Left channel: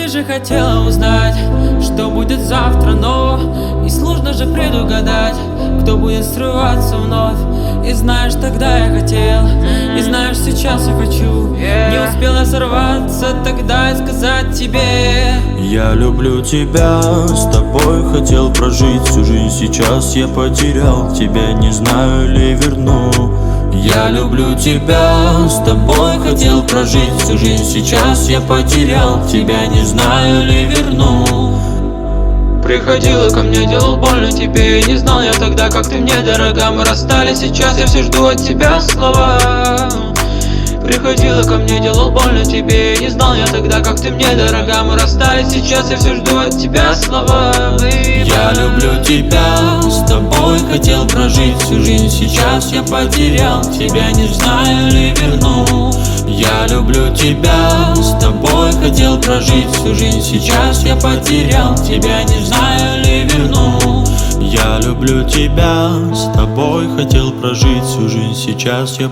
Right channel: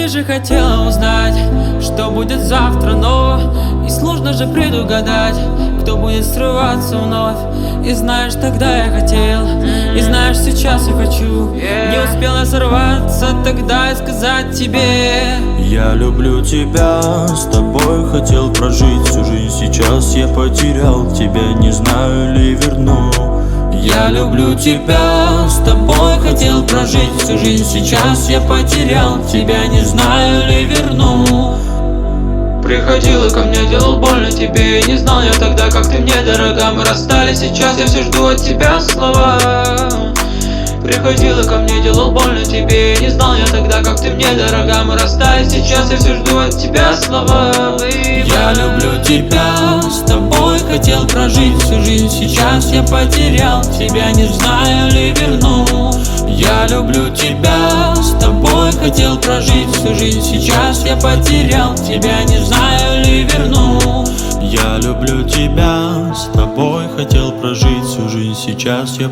Ты же хотела узнать, что будет завтра, но и сложно же предугадать, кто будет срываться вновь. И знаешь, тогда я хотел, и знаешь, сейчас я хочу. Не успела сорваться тогда и сказать тебе: я люблю тебя, с тобой хотел прожить всю жизнь. Сейчас я потерял тебя, не знаю ли верну. Я люблю тебя, с тобой хотел прожить всю жизнь. Сейчас я потерял тебя, не знаю ли верну. Приходила ко мне, делал больно тебе, и не знал я тогда, как ты мне дорога. Мы расстались, сейчас я все жду от тебя слова. Приходила ко мне, делал больно тебе, и не знал я тогда, как ты мне дорога. Мы расстались, сейчас я все жду от тебя слова. Я люблю тебя, с тобой хотел прожить всю жизнь. Сейчас я потерял тебя, не знаю ли верну. Я люблю тебя, с тобой хотел прожить всю жизнь. Сейчас я потерял тебя, не знаю ли верну. Я люблю тебя, с тобой хотел прожить всю жизнь. Сейчас я